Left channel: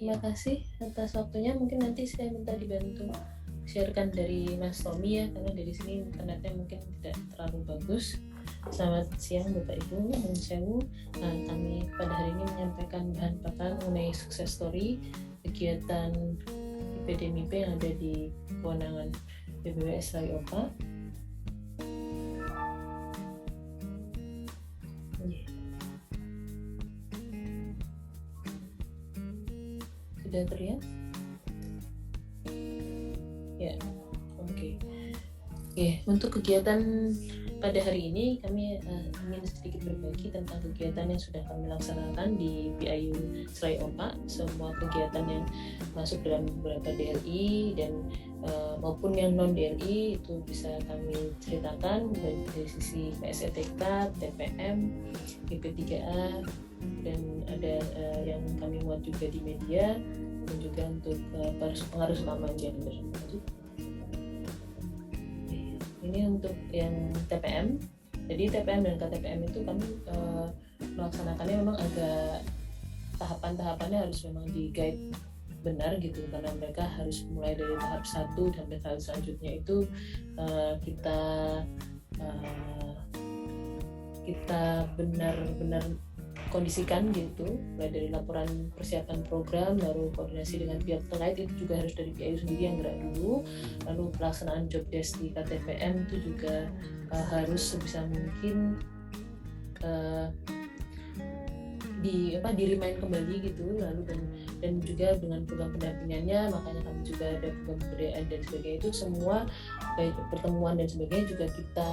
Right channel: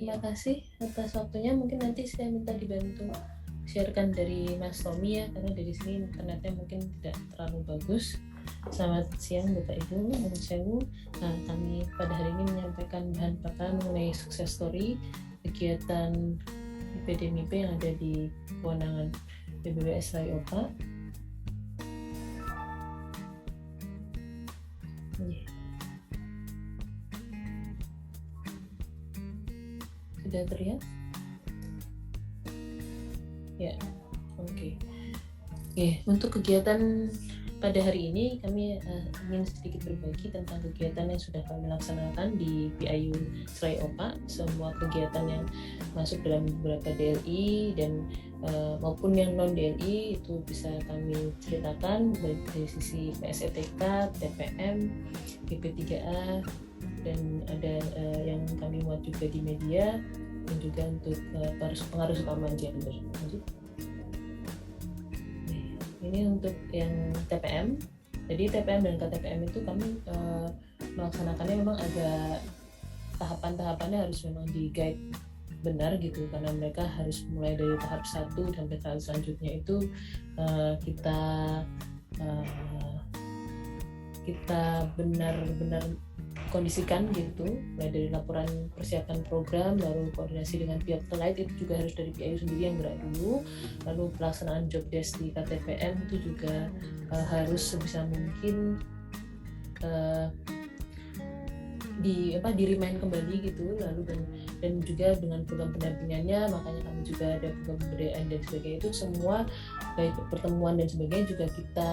Terima kasih atas waktunya. Mungkin nanti saya minta dibantu sharekan dari Mas Tommy ya, karena dari sini internetnya mungkin tidak terlalu bagus. Selamat siang Bapak Ibu, Om Sewu. Kami pada hari ini menyampaikan bahan bakar mengenai sukses story kegiatan PDMIP yang ada di kewenangan PBWS Rayopa. Sudah terlihat? Ya, oke. Untuk kegiatan pada hari ini kami ingin sedikit berbagi tentang kegiatan yang sudah kami laksanakan di PIU Rayopa, sebuah kegiatan yang masuk dalam beberapa DLI dan maupun yang non DLI itu bisa kami ceritakan baik dari sisi PSETK, TPM, GP3A, dan ada yang kami muat juga di media dan juga untuk pengaruh utama gender. Ini untuk yang TPM. Jadi TPM dan KTPM itu kami melaksanakannya memang ada tahapan-tahapannya, harus memang di guide benar gitu, karena mereka harus mulai dari tahap 1 sampai tahap selanjutnya itu kita benar-benar kondisikan gitu, mulai dari laporan persiapan program, lalu koordinasi dengan pihak terkait itu juga harus dari PIU sendiri yang gerak dulu, lalu pelaksanaan job desk di KTPM itu juga harus sebisa mungkin di remind kembali gitu, lalu dan juga dengan program pendampingannya, makanya kami juga ada program pemberdayaan dan sebagainya, itu semua baik pertemuan dan sebagainya juga kita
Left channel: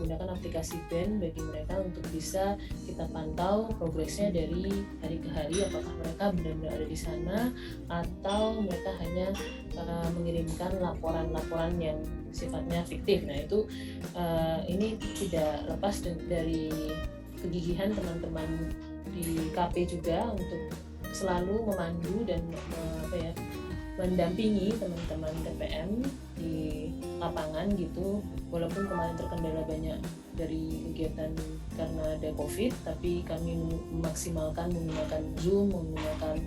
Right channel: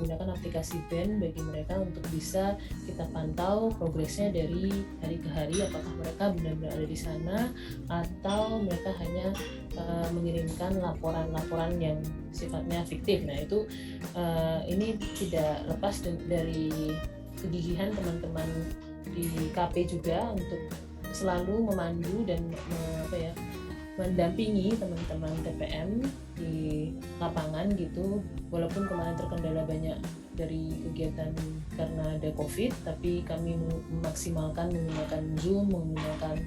gunakan aplikasi BEN bagi mereka untuk bisa kita pantau progresnya dari hari ke hari, apakah mereka benar-benar ada di sana atau mereka hanya mengirimkan laporan-laporan yang sifatnya fiktif. Nah itu ini tidak lepas dari kegigihan teman-teman di KP juga untuk selalu memandu dan mendampingi teman-teman TPM di lapangan gitu, walaupun kemarin terkendala banyak dari kegiatan karena ada COVID, tapi kami memaksimalkan menggunakan Zoom, menggunakan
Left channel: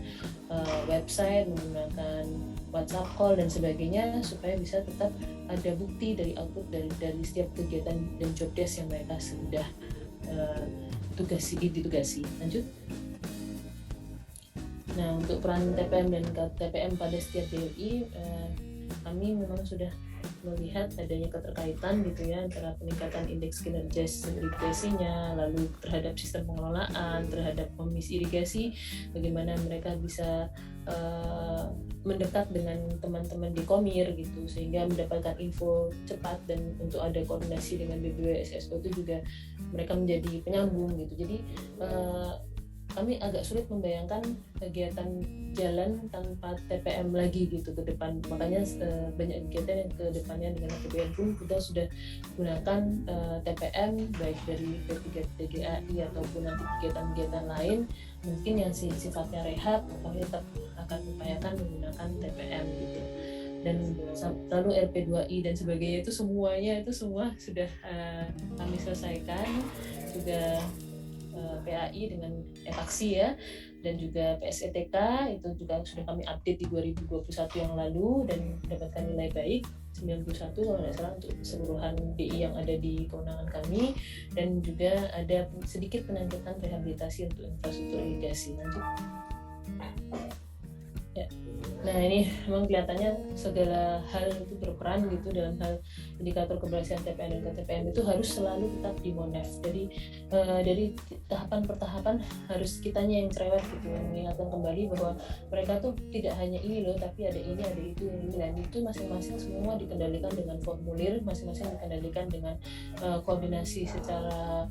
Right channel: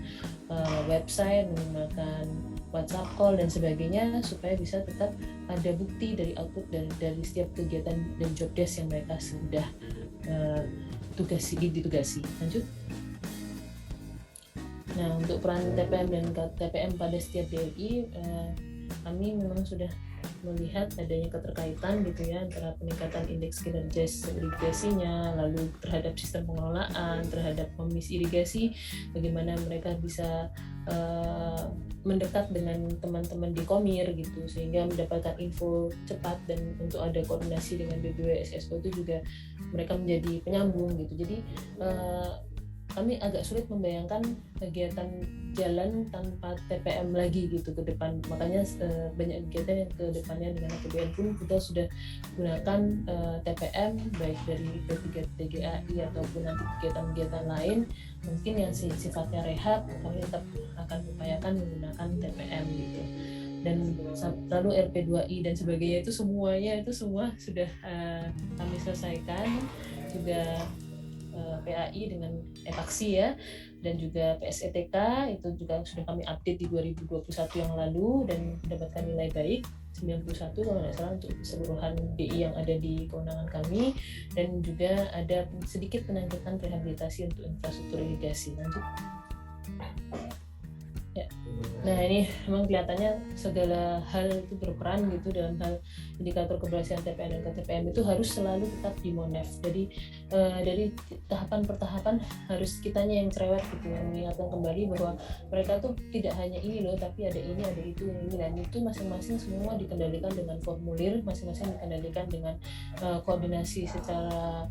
website, menggunakan WhatsApp call dan sebagainya supaya bisa tetap ada bukti dari output dari setiap kegiatan dan job desk yang mereka sudah ditugasi. Lanjut. Nah, untuk peran TPM dan KTPM pada setiap DLI, kami memang sudah melihat adanya keterkaitan gitu ya antara peningkatan indeks kinerja irigasinya, lalu terhadap sistem pengelolaan, terhadap komisi irigasi, bagaimana mereka bisa mendekat dengan teman-teman di Komir gitu sehingga mendapatkan info cepat, dan untuk ada koordinasi dengan BPWSSO itu juga mereka menjadi penyambung gitu. Jadi kami agak sulit membayangkan kegiatan jalan tanpa TPM lagi gitu ke depan, makanya banyak kegiatan yang ke depannya dengan kemudian pun kita sudah gunakan TPM baik dari PDAI ataupun kegiatan-kegiatan lain mungkin yang sifatnya rehab, kami tetap akan upayakan menggunakan TPM gitu. Dan lalu RP2I dan sebagainya itu semua sudah kami selesaikan, juga PAI dengan aksi ya, dan juga PSETK itu juga sudah kami update di 2021 yang lalu dan mendapatkan nilai baik 91 kalau tidak salah untuk keseluruhan DI yang ada di kewenangan kami, dan juga ada sedikit penandakan rehabilitasi untuk infrastruktur irigasi. Ya. Nah ini memang kelihatannya segala hal itu berperan gitu dalam hal indikator keberhasilan TPM dan KTPM itu harus selalu tetap di monef. Jadi dari tahapan per tahapan harus kitanya yang cerewet gitu, yang mengingatkan kembali bahwa mereka tuh tidak hanya ini loh, tapi ada ini, ada itu, ini, dan itu masing-masing semua dikendalikan dengan formulir, masing-masing dikendalikan dengan koordinasi secara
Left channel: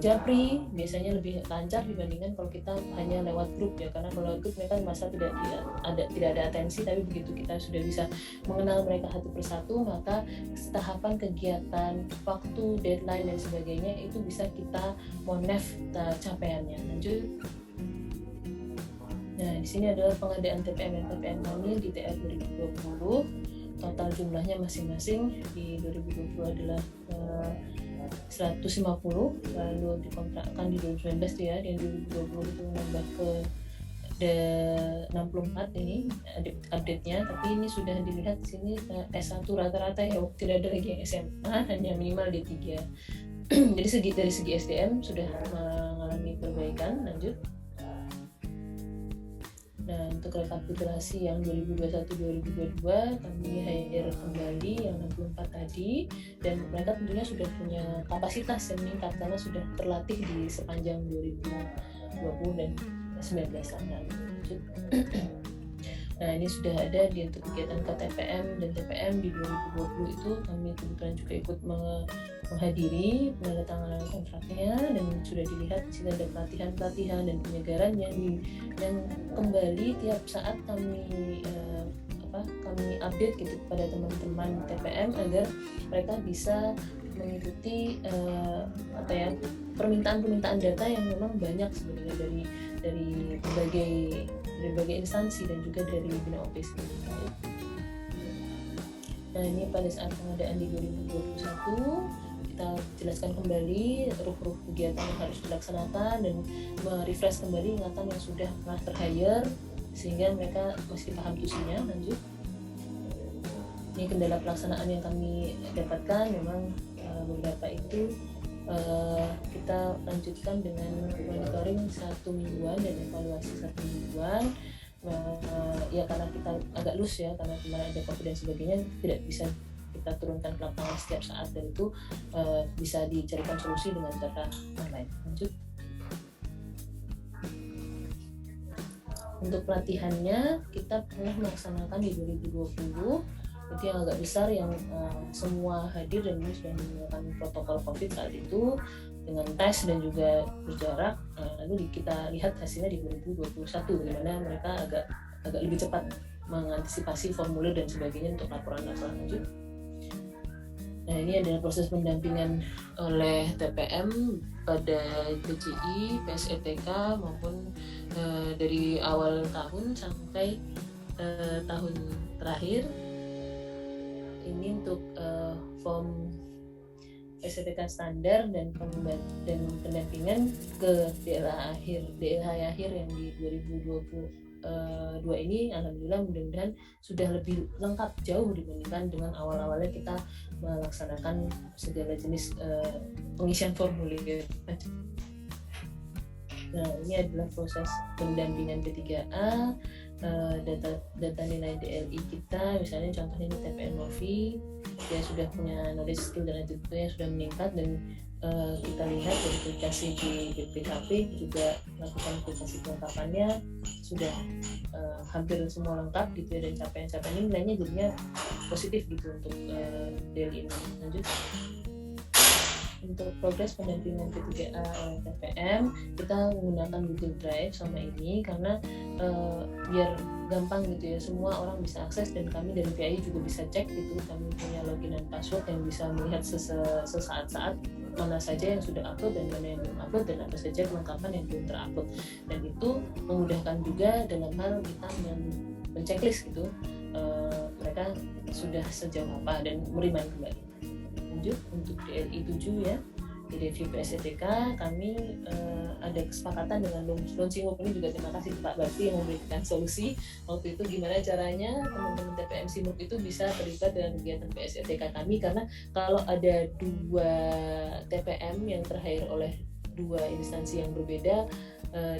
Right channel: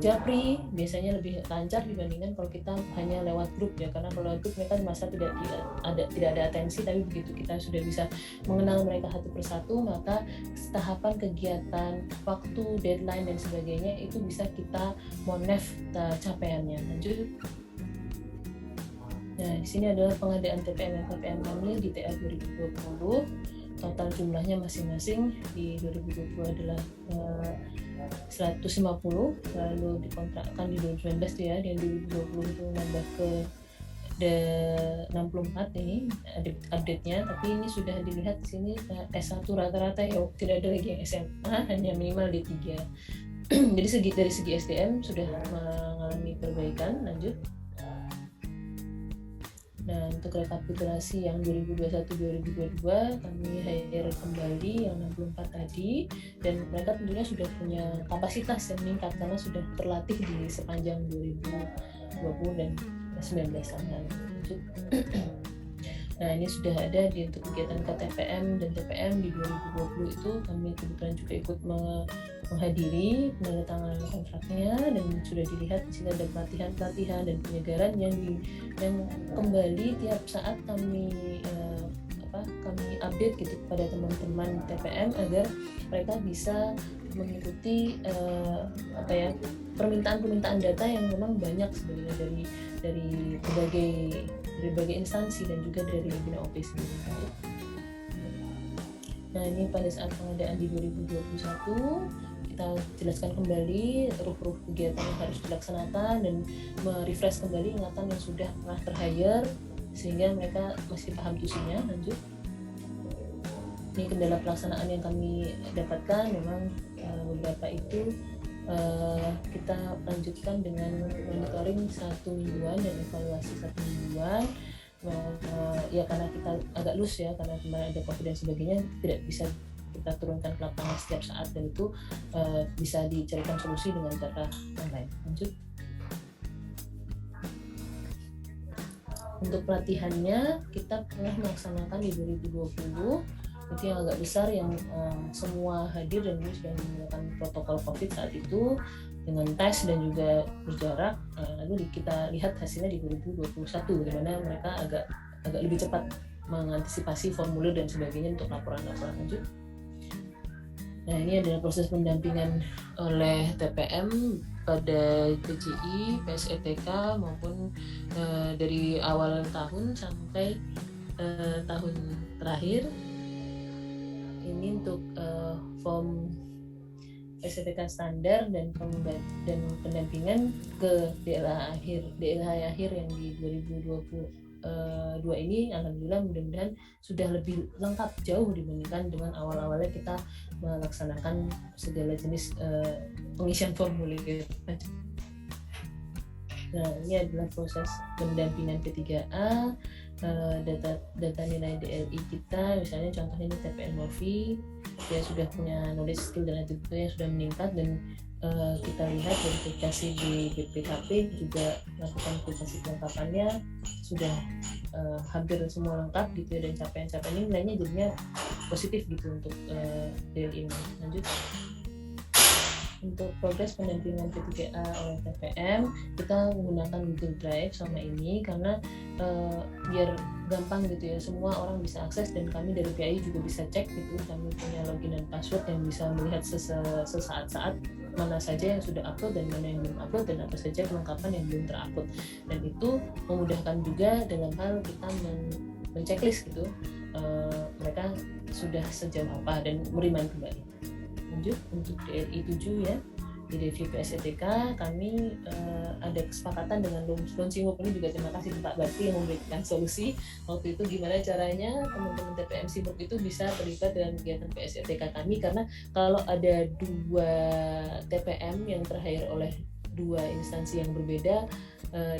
Japri biasanya lebih lancar dibandingkan kalau kita hanya lewat grup ya, karena kalau lewat grup mereka merasa tidak ada atensi, tapi begitu kita sudah bisa mengenal mereka satu persatu, maka tahapan kegiatan, waktu, deadline dan sebagainya itu bisa kita monef capaiannya. Lanjut. Nah di sini adalah pengadaan TPM dan KPM kami di TL 2020. Total jumlahnya masing-masing di 2020 adalah 150, lalu dikontrakkan di 2019 ya, di 2020 itu nambah ke 64 ini update-nya, tapi ini sudah dilihat di sini S1 rata-rata ya, tidak ada lagi yang SMA, hanya minimal D3. Jadi dari segi SDM sudah mengalami perbaikan. Lanjut. Nah, untuk rekapitulasi yang 2021-2022 kami hire kembali yang 64 tadi, dan mereka tentunya sudah punya kapasitas yang meningkat karena sudah terlatih di sepanjang 2020 dan 19 tahun. Nah, ini sudah ada di untuk kegiatan KTPM dan TPM di 2020 itu kami kebetulan juga ikut menghadiri penandatanganan kontraknya, dan sudah dilihat di situ ada pelatihan dan penyegaran yang kembali tiap saat kami update gitu kepada teman-teman TPM agar mereka bisa mengikuti permintaan data yang memang banyak sebenarnya dari berbagai instansi dan juga dari dunia office. Nah, ini pada saat pengadaan di 2021 kita jelaskan kembali ruk kegiatan yang harus dilaksanakan dan merefresh kembali ingatan yang sudah pernah ter-hire sehingga mereka masih paham fungsinya. Lanjut. Ini kendala pelaksanaan yang kami dapatkan, memang beberapa itu kita lanjutkan dengan monitoring 1 mingguan dan evaluasi 1 mingguan. Ya karena kita agak loose ya, karena kemarin ada COVID dan sebagainya, tidak bisa kita turunkan ke lapangan setiap saat, dan itu bisa dicarikan solusi dengan cara online. Lanjut. Untuk pelatihannya kita pernah melaksanakan di 2020 itu yang agak besar, yang semua hadir dan sudah menggunakan protokol COVID saat itu dengan tes dan juga berjarak. Lalu kita lihat hasilnya di 2021 di mana mereka agak lebih cepat mengantisipasi formulir dan sebagainya untuk laporan-laporan lanjut. Nah, ini adalah proses pendampingan oleh TPM pada PJI, PSETK maupun dari awal tahun sampai tahun terakhir. Ini untuk form PSETK standar dan pendampingan ke DLH akhir yang di 2022 ini, alhamdulillah mudah-mudahan sudah lebih lengkap jauh dibandingkan dengan awal-awalnya kita melaksanakan segala jenis pengisian formulir. Nah, ini adalah proses pendampingan P3A, data nilai DLI kita, misalnya contohnya TPM Novi, dia sudah punya knowledge, skill dan attitude yang sudah meningkat, dan kita lihat verifikasi di BPKP juga melakukan verifikasi kelengkapannya sudah hampir semua lengkap gitu, dan capaian ini nilainya jadinya positif gitu untuk DLI ini. Lanjut. Untuk progres pendampingan P3A oleh TPM, kita menggunakan Google Drive sama ini karena biar gampang gitu ya, semua orang bisa akses, dan kami dari PI juga bisa cek gitu, kami punya login dan password yang bisa melihat sesaat-saat mana saja yang sudah upload dan mana yang belum upload, dan apa saja kelengkapan yang belum terupload, dan itu memudahkan juga dalam hal kita men-checklist gitu mereka sudah sejauh apa dan menerima kembali. Lanjut, untuk DLI 7 ya, di review PSETK kami ada kesepakatan dengan Lonsimuk. Ini juga terima kasih Pak Bakti yang memberikan solusi waktu itu gimana caranya teman-teman TPM Simuk itu bisa terlibat dalam kegiatan PSETK kami, karena kalau ada 2 TPM yang ter-hire oleh 2 instansi yang berbeda,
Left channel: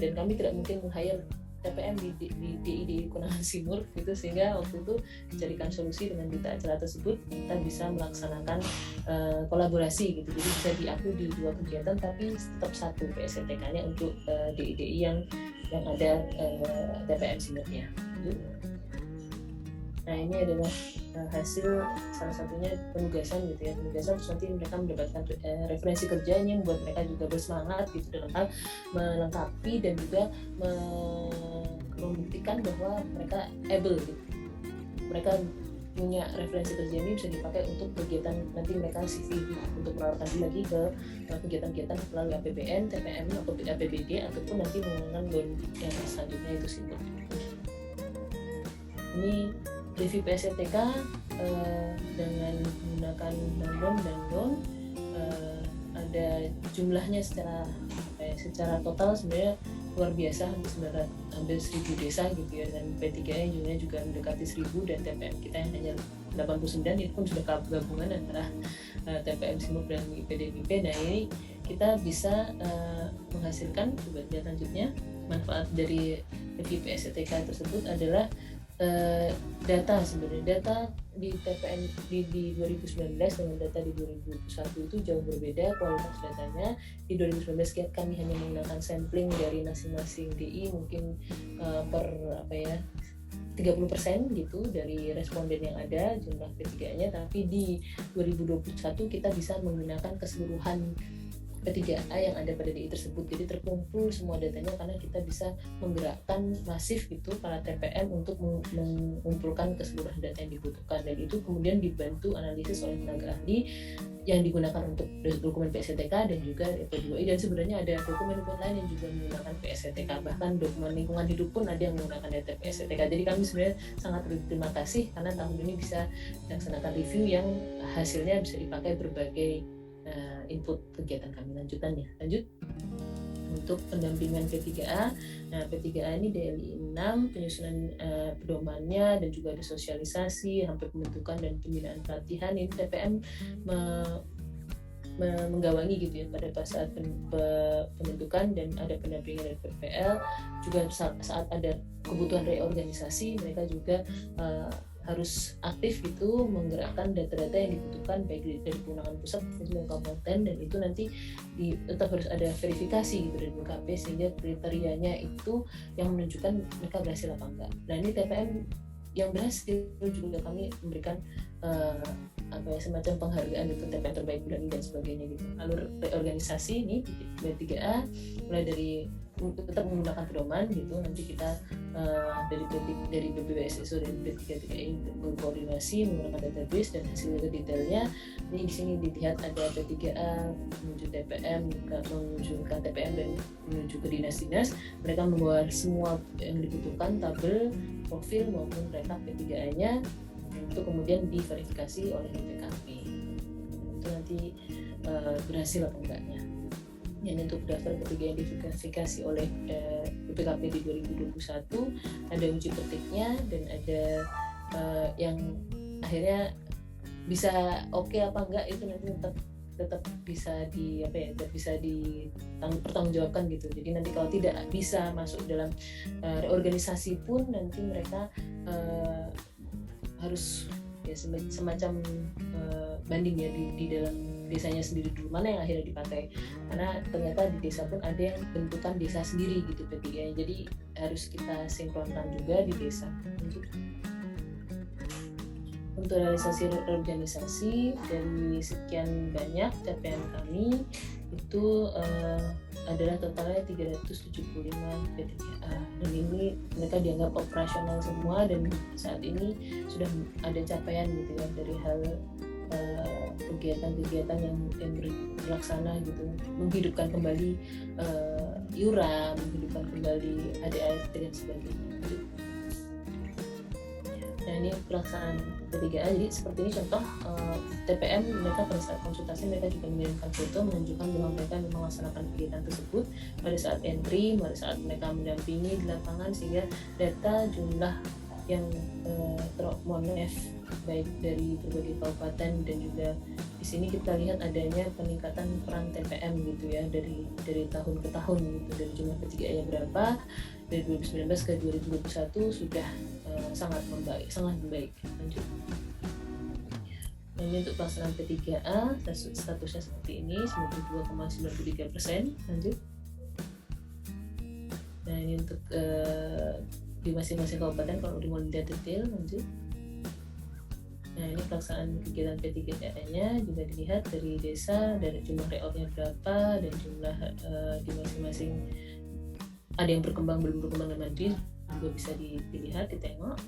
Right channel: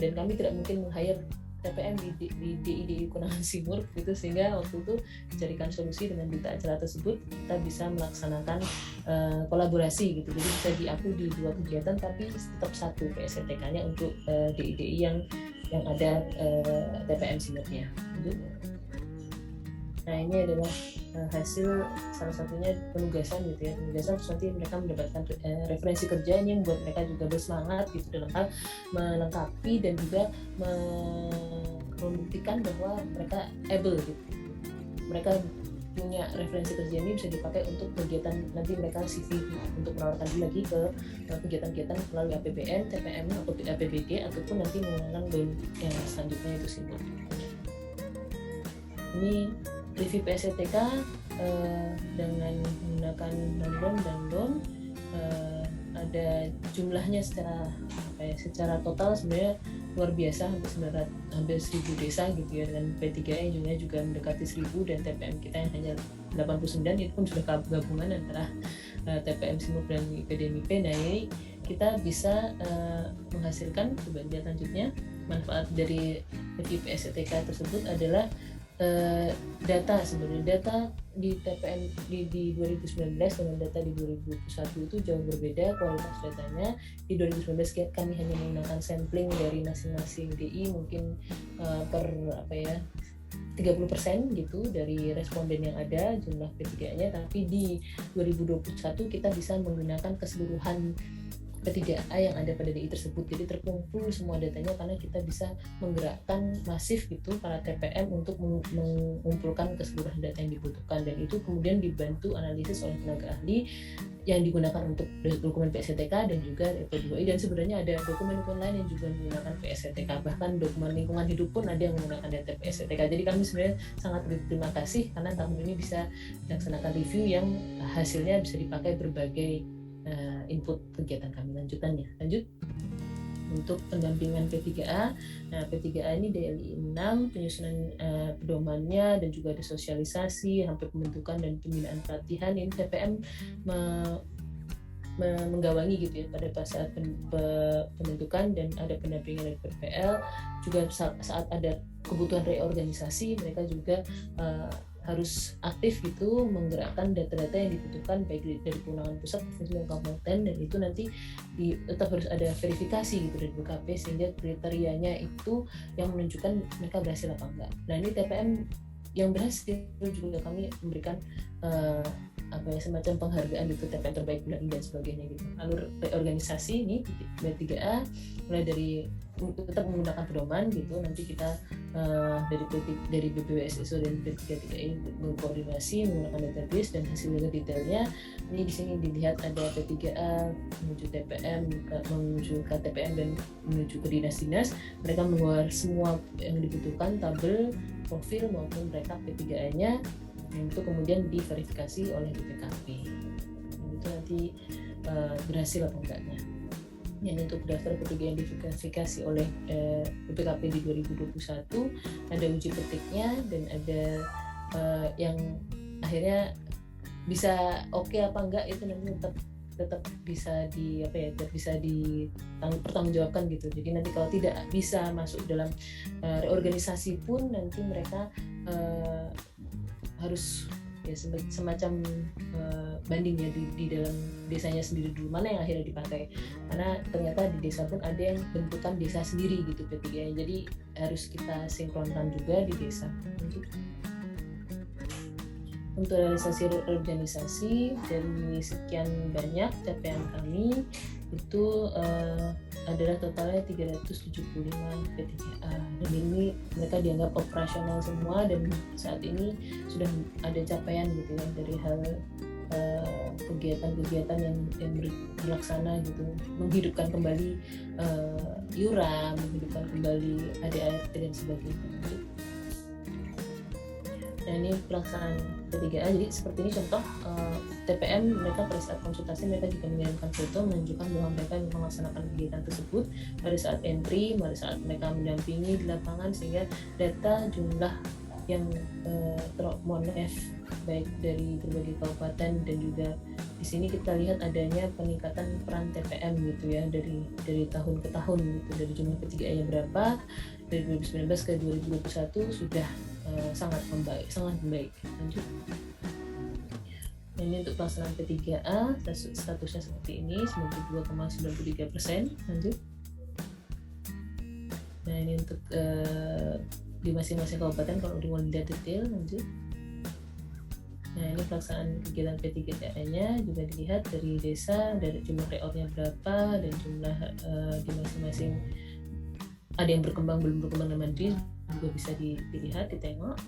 dan kami tidak mungkin meng-hire TPM di DIDU Konangan Simur gitu, sehingga waktu itu dijadikan solusi dengan duta acara tersebut kita bisa melaksanakan kolaborasi gitu, jadi bisa diakui di 2 kegiatan tapi tetap satu PSETK-nya untuk DIDI yang ada TPM Simurnya. Nah, ini adalah hasil salah satunya penugasan gitu ya, penugasan terus nanti mereka mendapatkan referensi kerja ini yang membuat mereka juga bersemangat gitu dalam hal melengkapi dan juga membuktikan bahwa mereka able gitu. Mereka punya referensi kerja ini bisa dipakai untuk kegiatan nanti mereka CV untuk menawarkan lagi ke kegiatan-kegiatan melalui APBN, TPM atau APBD ataupun nanti menggunakan bond yang selanjutnya itu sih. Ini review PSETK dengan menggunakan bond dan bond, ada jumlahnya secara total sebenarnya luar biasa, hampir 1000 desa gitu ya, dan P3A yang jumlahnya juga mendekati 1000, dan TPM kita yang hanya 89, itu pun sudah gabungan antara TPM Simuk dan PDMIP. Nah ini kita bisa menghasilkan selanjutnya manfaat dari PSTK tersebut adalah data. Sebenarnya data di TPM di 2019 dengan data di 2021 itu jauh berbeda kualitas datanya. Di 2019 kami hanya menggunakan sampling dari masing-masing DI mungkin per 30% gitu dari responden yang ada jumlah P3A-nya, tapi di 2021 kita bisa menggunakan keseluruhan P3A yang ada pada DI tersebut. Jadi terkumpul semua datanya karena kita bisa menggerakkan masif gitu para TPM untuk mengumpulkan keseluruhan data yang dibutuhkan, dan itu kemudian dibantu analisis oleh tenaga ahli yang digunakan untuk dokumen PSTK dan juga P2I, dan sebenarnya ada dokumen-dokumen lain yang juga menggunakan PSTK, bahkan dokumen lingkungan hidup pun ada yang menggunakan data PSTK. Jadi kami sebenarnya sangat berterima kasih karena tahun ini bisa melaksanakan review yang hasilnya bisa dipakai berbagai input kegiatan kami. Lanjut untuk pendampingan P3A. Nah, P3A ini DLI 6, penyusunan pedomannya dan juga ada sosialisasi sampai pembentukan dan pembinaan pelatihan. Ini TPM menggawangi gitu ya pada saat pembentukan, dan ada pendampingan dari PPL juga saat ada kebutuhan reorganisasi. Mereka juga harus aktif gitu menggerakkan data-data yang dibutuhkan baik dari kewenangan pusat maupun kabupaten, dan itu nanti tetap harus ada verifikasi gitu dari BKP sehingga kriterianya itu yang menunjukkan mereka berhasil apa enggak. Nah ini TPM yang berhasil juga kami memberikan semacam penghargaan gitu, TPM terbaik bidang dan sebagainya gitu. Alur organisasi ini P3A mulai dari tetap menggunakan pedoman gitu, nanti kita dari BPWSSO dan P3A berkoordinasi menggunakan database dan hasil juga detailnya. Ini di sini dilihat ada P3A menuju TPM, menuju KTPM dan menuju ke dinas-dinas. Mereka mengeluarkan semua yang dibutuhkan, tabel, profil maupun rekap P3A-nya, dan itu kemudian diverifikasi oleh PKP. Nanti berhasil apa enggaknya. Yang untuk daftar P3A yang diverifikasi oleh PKP di 2021 ada uji petiknya, dan ada yang akhirnya bisa oke apa enggak itu nanti tetap bisa bisa dipertanggungjawabkan gitu. Jadi nanti kalau tidak bisa masuk dalam reorganisasi pun nanti mereka harus ya semacam banding ya di dalam desanya sendiri dulu mana yang akhirnya dipakai, karena ternyata di desa pun ada yang bentukan desa sendiri gitu P3A, jadi harus kita sinkronkan juga di desa. Untuk realisasi organisasi dari sekian banyak capaian kami itu adalah totalnya 375 P3A. Jadi mereka dianggap operasional semua, dan saat ini sudah ada capaian gitu ya dari hal kegiatan-kegiatan yang dilaksana gitu, menghidupkan kembali iuran, menghidupkan kembali ADART dan sebagainya. Nah ini pelaksanaan P3A. Jadi seperti ini contoh TPM mereka pada saat konsultasi mereka juga mengirimkan foto menunjukkan bahwa mereka melaksanakan kegiatan tersebut pada saat entry, pada saat mereka mendampingi di lapangan, sehingga data jumlah yang termonet baik dari berbagai kabupaten, dan juga di sini kita lihat adanya peningkatan peran TPM gitu ya dari tahun ke tahun, dari jumlah P3A yang berapa dari 2019 ke 2021 sudah sangat membaik. Nah, ini untuk pelaksanaan P3A statusnya seperti ini 92,93%. Lanjut. Nah ini untuk di masing-masing kabupaten kalau mau dilihat detail. Lanjut. Nah ini pelaksanaan kegiatan P3A-nya juga dilihat dari desa, dari jumlah reornya berapa, dan jumlah di masing-masing ada yang berkembang belum berkembang dan maju juga bisa dilihat, ditengok.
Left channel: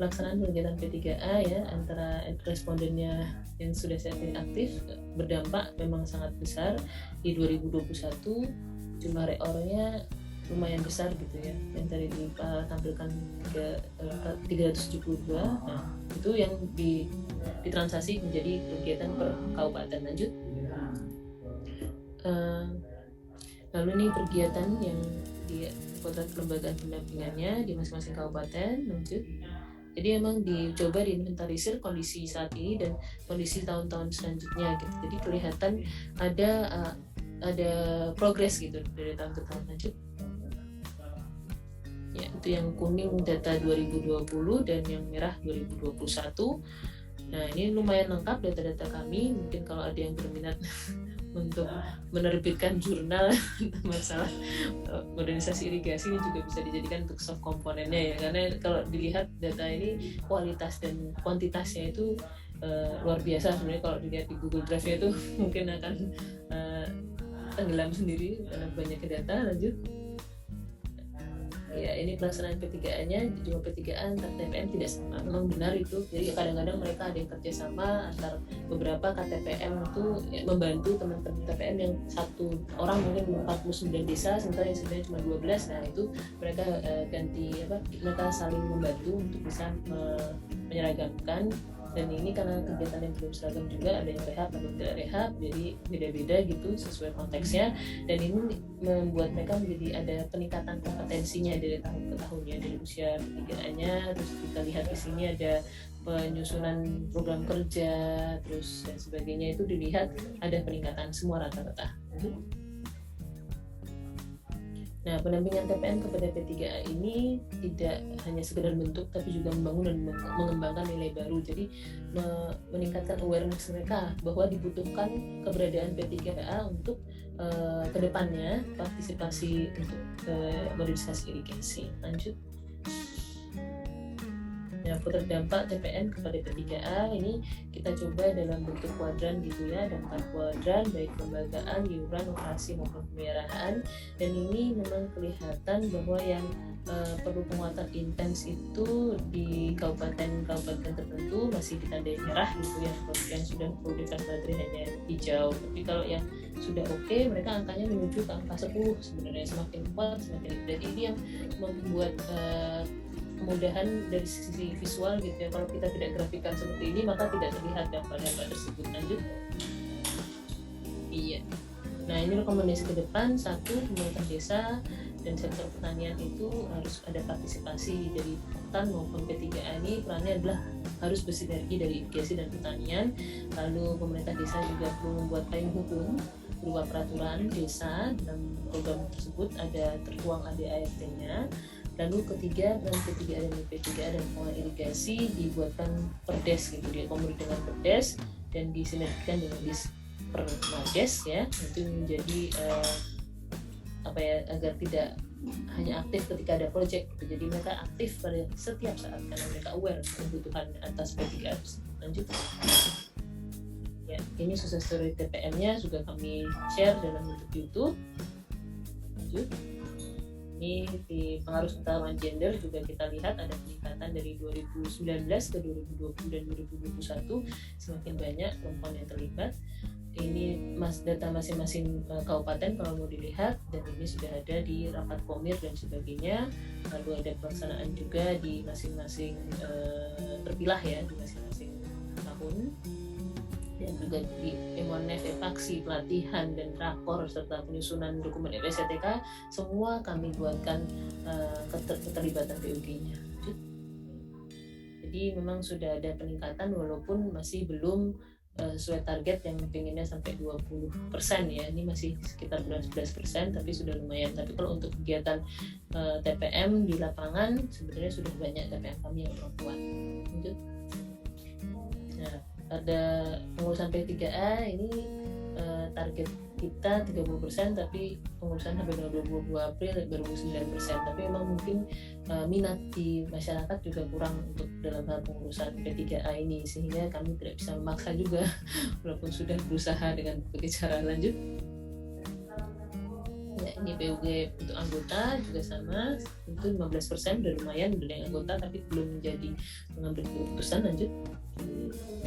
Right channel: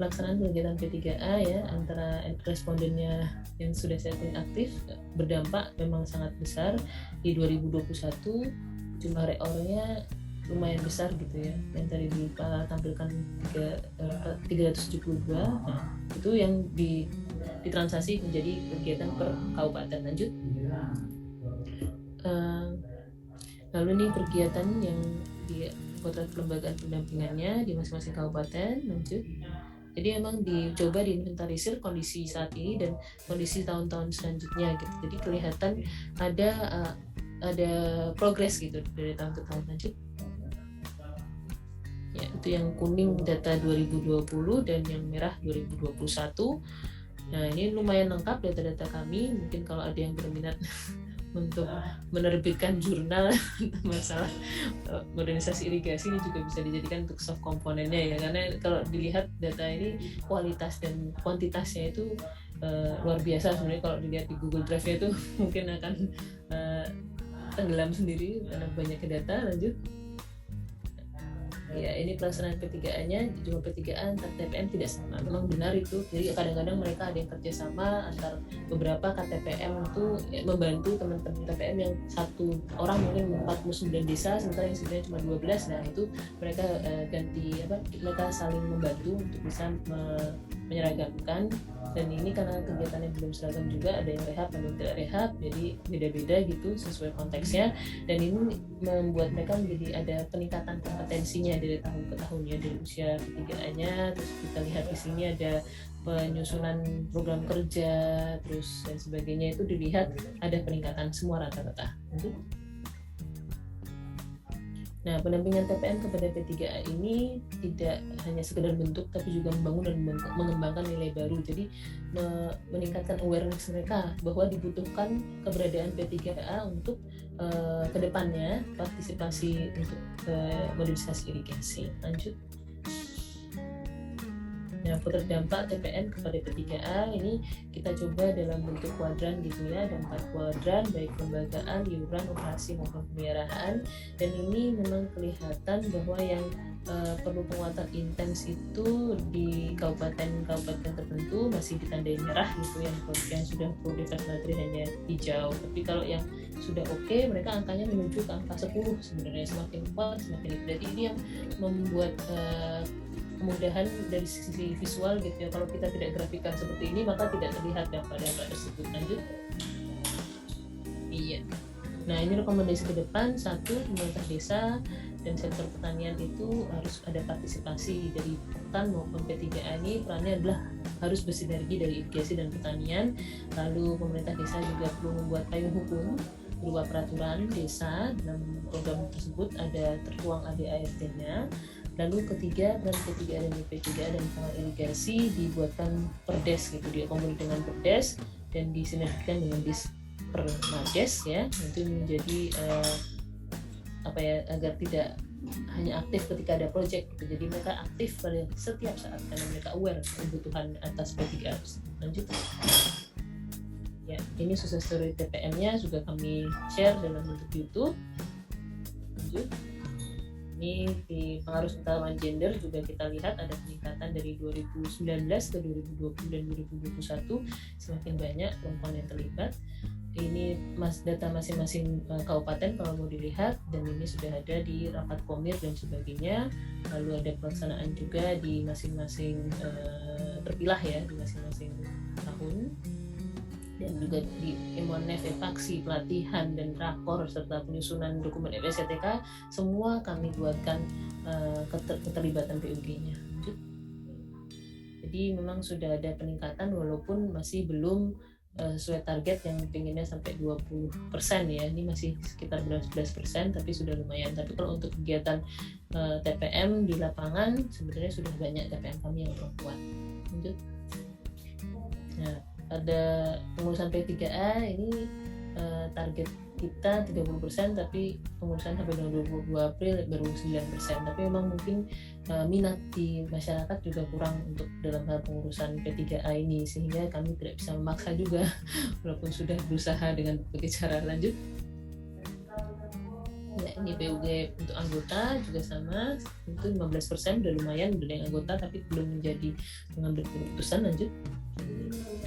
Pelaksanaan kegiatan P3A ya antara respondennya yang sudah sertifikat aktif berdampak memang sangat besar. Di 2021 jumlah reornya lumayan besar gitu ya, yang tadi ditampilkan 372. Nah itu yang ditransaksi menjadi kegiatan per kabupaten. Lanjut. Lalu nih kegiatan yang kelembagaan pendampingannya di masing-masing kabupaten. Lanjut. Jadi memang dicoba diinventarisir kondisi saat ini dan kondisi tahun-tahun selanjutnya gitu. Jadi kelihatan ada progres gitu dari tahun ke tahun. Lanjut. Ya, itu yang kuning data 2020 dan yang merah 2021. Nah, ini lumayan lengkap data-data kami. Mungkin kalau ada yang berminat untuk menerbitkan jurnal masalah modernisasi irigasi, ini juga bisa dijadikan untuk soft komponennya ya, karena kalau dilihat data ini kualitas dan kuantitasnya itu luar biasa sebenarnya. Kalau dilihat di Google Drive itu mungkin akan tenggelam sendiri karena banyak data. Lanjut. Ya, ini pelaksanaan P3A-nya, juga P3A antar TPM tidak sama, memang benar itu. Jadi kadang-kadang mereka ada yang kerjasama antar beberapa KTPM itu ya, membantu teman-teman KTPM yang satu orang mungkin 49 desa, sementara yang sebenarnya cuma 12. Nah itu mereka mereka saling membantu untuk bisa menyeragamkan. Dan ini karena kegiatannya belum seragam juga, ada yang rehab, ada yang tidak rehab, jadi beda-beda gitu sesuai konteksnya. Dan ini membuat mereka menjadi ada peningkatan kompetensinya dari tahun ke tahunnya, dari usia PTIA-nya. Terus kita lihat di sini ada penyusunan program kerja, terus dan sebagainya, itu dilihat ada peningkatan semua rata-rata. Nah, pendampingan TPM kepada P3A ini tidak hanya sekedar bentuk, tapi juga membangun dan mengembangkan nilai baru. Jadi meningkatkan awareness mereka bahwa dibutuhkan keberadaan P3A untuk kedepannya partisipasi untuk modernisasi irigasi. Lanjut. Nah, terdampak TPM kepada P3A ini kita coba dalam bentuk kuadran gitu ya, ada 4 kuadran baik kelembagaan, iuran, operasi maupun pemeliharaan. Dan ini memang kelihatan bahwa yang perlu penguatan intens itu di kabupaten tertentu masih ditandai merah gitu ya, yang sudah progres materi hanya hijau. Tapi kalau yang sudah oke, mereka angkanya menuju ke angka 10 sebenarnya, semakin kuat semakin. Jadi ini yang membuat kemudahan dari sisi visual gitu ya. Kalau kita tidak grafikkan seperti ini maka tidak terlihat dampak-dampak tersebut. Lanjut. Iya. Nah, ini rekomendasi ke depan. 1, pemerintah desa dan sektor pertanian itu harus ada partisipasi dari hutan maupun P3A. Ini perannya adalah harus bersinergi dari irigasi dan pertanian. Lalu pemerintah desa juga perlu membuat payung hukum berupa peraturan desa, dan program tersebut ada tertuang ADART-nya. Lalu ketiga, peran ketiga dan P3A dan irigasi dibuatkan perdes gitu, dia komunikasi dengan perdes dan disinergikan dengan perdes ya, itu menjadi agar tidak hanya aktif ketika ada project gitu. Jadi mereka aktif pada setiap saat karena mereka aware membutuhkan atas P3A. Lanjut. Ya, ini sukses story TPM-nya juga kami share dalam bentuk YouTube. Lanjut. Ini di pengaruh pengetahuan gender juga kita lihat ada peningkatan dari 2019 ke 2020 dan 2021, semakin banyak perempuan yang terlibat. Ini data masing-masing kabupaten kalau mau dilihat, dan ini sudah ada di rapat komir dan sebagainya. Lalu ada pelaksanaan juga di masing-masing terpilah ya, di masing-masing tahun, dan juga di aksi pelatihan dan rakor serta penyusunan dokumen EPSTK semua kami buatkan keterlibatan PUD-nya. Jadi memang sudah ada peningkatan walaupun masih belum sesuai target yang pinginnya sampai 20% ya. Ini masih sekitar 11%, tapi sudah lumayan. Tapi kalau untuk kegiatan TPM di lapangan sebenarnya sudah banyak TPM kami yang perempuan. Lanjut. Nah, ada pengurusan P3A ini target kita 30%, tapi pengurusan sampai dengan 22 April baru 9%. Tapi memang mungkin minat di masyarakat juga kurang untuk dalam hal pengurusan P3A ini, sehingga kami tidak bisa memaksa juga walaupun sudah berusaha dengan berbagai cara. Lanjut. Ya, ini BUG untuk anggota juga sama, itu 15%, udah lumayan, udah yang anggota tapi belum menjadi mengambil keputusan. Lanjut.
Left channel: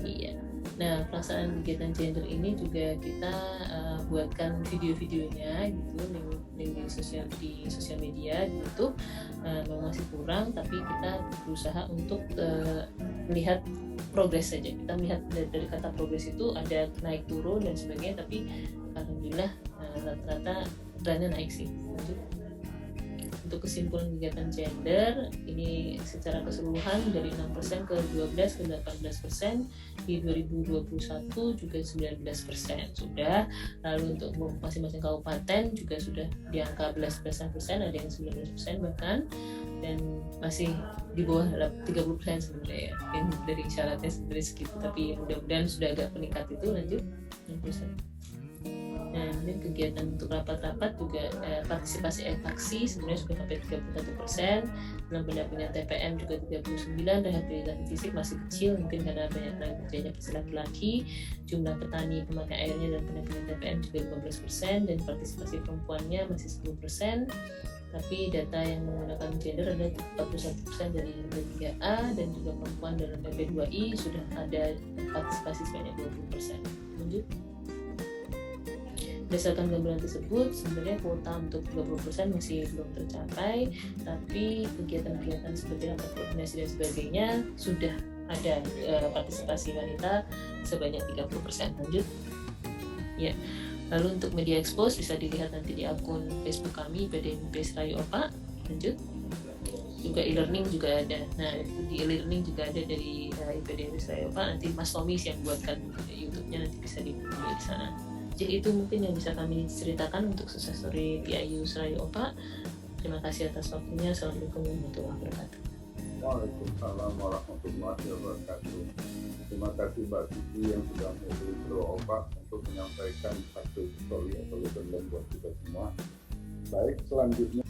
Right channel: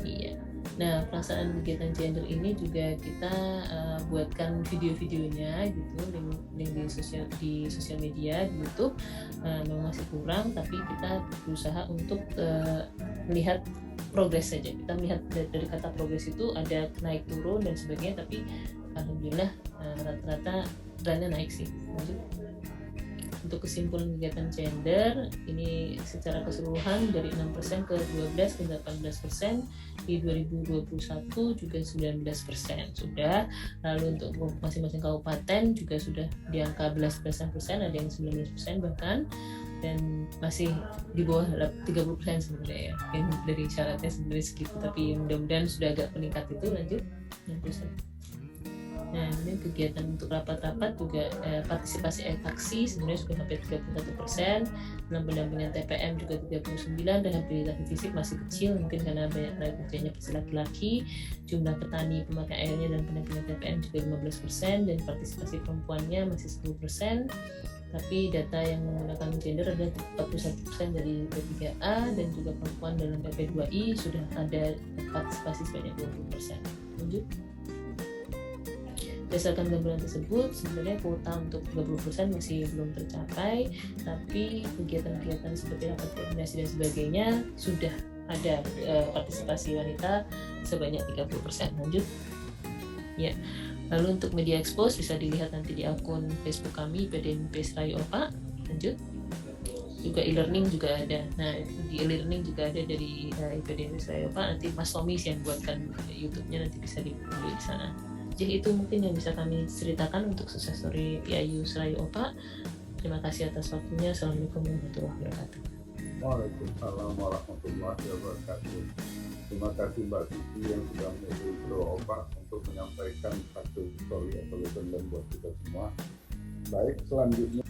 Iya. Nah, pelaksanaan kegiatan gender ini juga kita buatkan video-videonya gitu di sosial media gitu. Memang masih kurang, tapi kita berusaha untuk melihat progres saja. Kita melihat dari kata progres itu ada naik turun dan sebagainya, tapi alhamdulillah rata-rata trennya naik sih. Untuk kesimpulan kegiatan gender ini secara keseluruhan dari 6% ke 12 ke 18%, di 2021 juga 19% sudah. Lalu untuk masing-masing kabupaten juga sudah di angka 11%, ada yang 19% bahkan, dan masih di bawah 30% sebenarnya ya, yang dari syaratnya sebenarnya segitu, tapi mudah-mudahan sudah agak meningkat itu lanjut. Nah, ini kegiatan untuk rapat-rapat juga partisipasi aksi sebenarnya sudah sampai 31%, dalam pendampingan TPM juga 39%, rehabilitasi fisik masih kecil mungkin karena banyak laki-laki, jumlah petani pemakai airnya dalam pendampingan TPM juga 15%, dan partisipasi perempuannya masih 10%, tapi data yang menggunakan gender ada 41% dari P3A, dan juga perempuan dalam PP2I sudah ada partisipasi sebanyak 20%. Berdasarkan gambaran tersebut, sebenarnya kuota untuk 20% masih belum tercapai, tapi kegiatan-kegiatan seperti rapat koordinasi dan sebagainya sudah ada partisipasi wanita sebanyak 30%. Lanjut. Ya. Lalu untuk media expose bisa dilihat nanti di akun Facebook kami PDMP Serayu Opa. Lanjut. Juga e-learning juga ada. Nah, di e-learning juga ada dari PDMP Serayu Opa. Nanti Mas Tommy yang buatkan di YouTube-nya, nanti bisa dibuka di sana. Jadi itu mungkin yang bisa kami ceritakan untuk sukses story PIU Serayu Opa. Terima kasih atas waktunya. Assalamualaikum warahmatullahi wabarakatuh. Waalaikumsalam warahmatullahi wabarakatuh. Terima kasih Mbak Vicky yang sudah menjadi Opa untuk menyampaikan hasil story atau event buat kita semua. Baik, selanjutnya